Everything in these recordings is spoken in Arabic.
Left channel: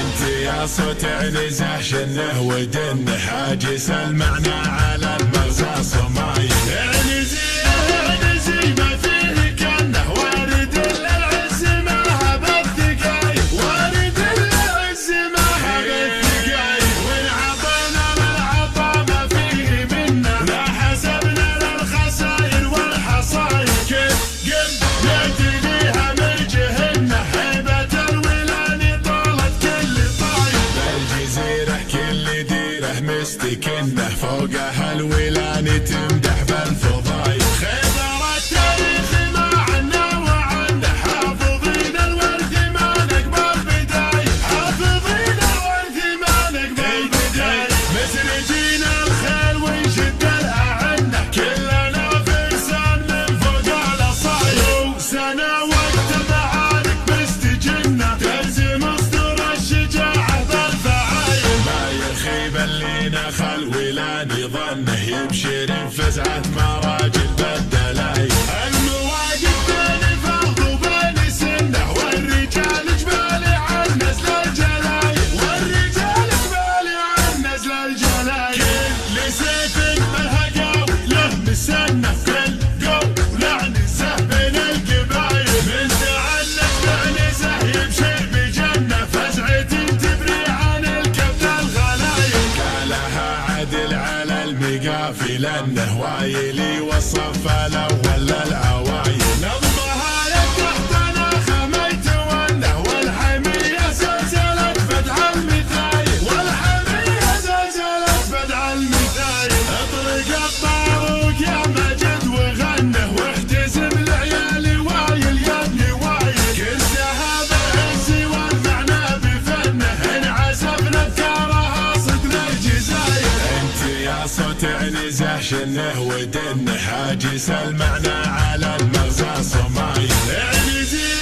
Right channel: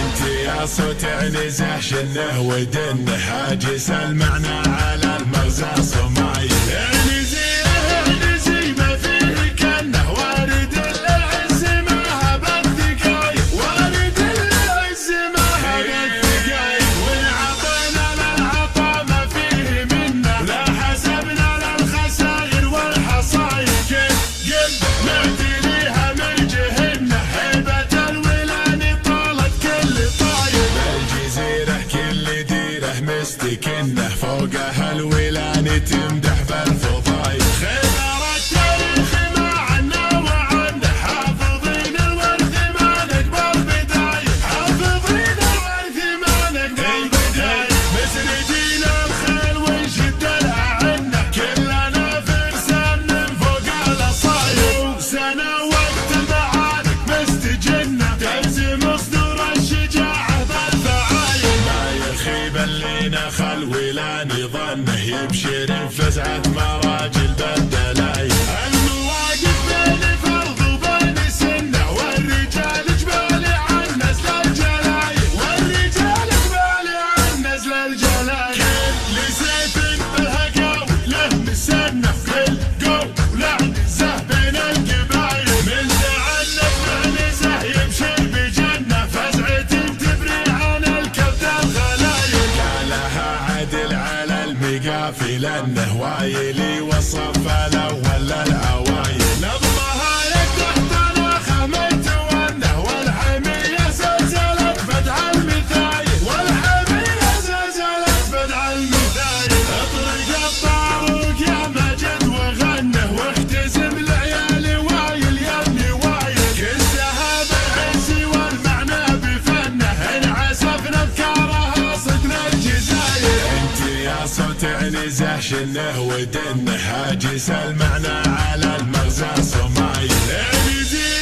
انت يا صوت عنزه شنه ودنه حاجس المعنى على المغزى صمايل. عنزي عنزي ما فيه كنه وارد للعز ما هب الثقايل، وارد للعز ما هب الثقايل. وان عطينا للعطا ما فيه منه لا حسبنا للخسائر والحصايل. كيف قلب نهدي ليها من جهنه هيبة الولان طالت كل طايل. بالجزيرة كل ديره مستكنه فوقها الولان تمدح بالفضايل. خبر التاريخ ما عنا وعنه حافظين الورث ما نقبل بدايل، حافظين الورث ما نقبل بدايل. مسرجين الخيل ونشد لها عنه كلنا فرسان من فوق الاصايل. سنة وقت المعارك مستجنه تلزم اصدر الشجاعة بالفعايل. ما يخيب اللي نخل ولا ظنه يبشر فزعة مراجل بالدلايل. المواقف بين فرض وبين سنه والرجال جبالي عن نزل الجلايل، والرجال جبالي عن نزل الجلايل. كل سيف بالهقاوي له مسنه كل قولة نزه بين القبايل. من تعنف بعنزه يبشر بجنه فزعة تبري عن الكبد الغلايل. قالها عدل على المقافل انه وايلي والصف الاول للعوايل. نظمها لك تحت ناخه ما يتونه والحميه زلزلت بدع المثايل، والحميه زلزلت بدع المثايل. اطرق الطاروق يا مجد وغنه واحتزم العيال وايل يا ابني وايل. كل سهاب العز والمعنى بفنه انعسفنا بكارها صدنا الجزاير. انت يا صوت عنزه شنه ودنه حاجس المعنى على المغزى صمايل. عنزي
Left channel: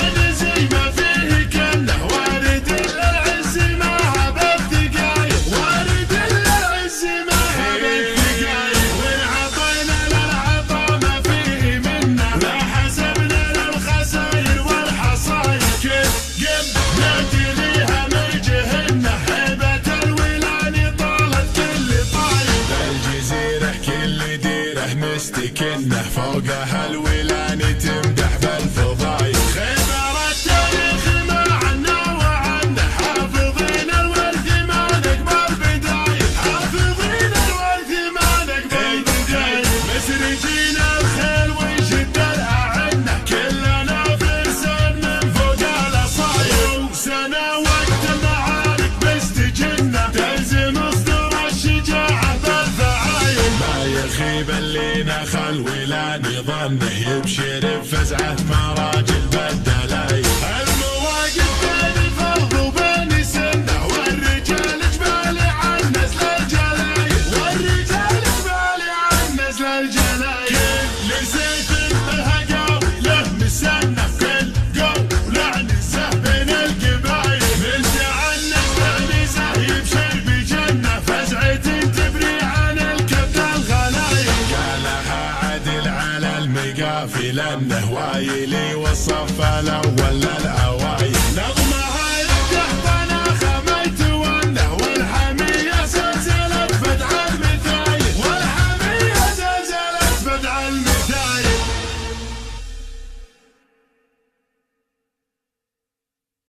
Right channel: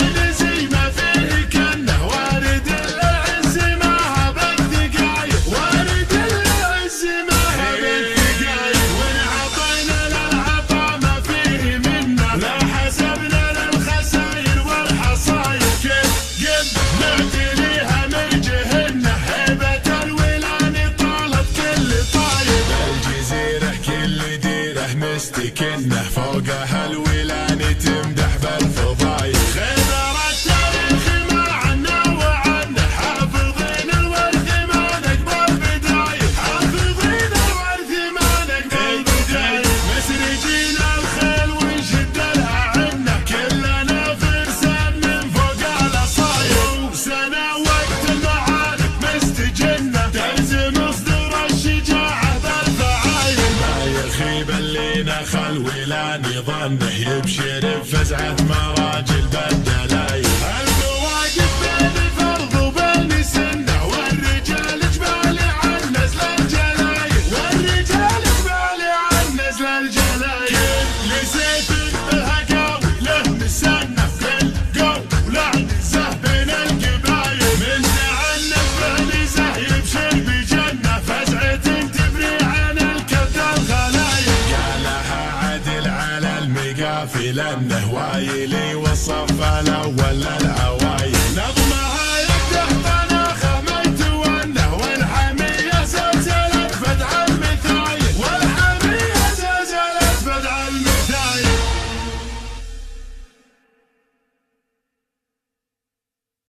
عنزي ما فيه كنه وارد للعز ما هب الثقايل، وارد للعز ما هب الثقايل. وان عطينا للعطا ما فيه منه لا حسبنا للخسائر والحصايل. كيف قلب نهدي ليها من جهنه هيبة الولان طالت كل طايل. بالجزيرة كل ديره مستكنه فوقها الولان تمدح بالفضايل. خبر التاريخ ما عنا وعنه حافظين الورث ما نقبل بدايل، حافظين الورث ما نقبل بدايل. مسرجين الخيل ونشد لها عنه كلنا فرسان من فوق الاصايل. سنة وقت المعارك مستجنه تلزم اصدر الشجاعة بالفعايل. ما يخيب اللي نخل ولا ظنه يبشر بفزعة مراجل بالدلايل. المواقف بين فرض وبين سنه والرجال جبالي عن نزل الجلايل، والرجال جبالي عن نزل الجلايل. كل سيف بالهقاوي له مسنه كل قولة نزه بين القبايل. من تعنف بعنزه يبشر بجنه فزعة تبري عن الكبد الغلايل. قالها عدل على المقافل انه وايلي والصف الاول للعوايل.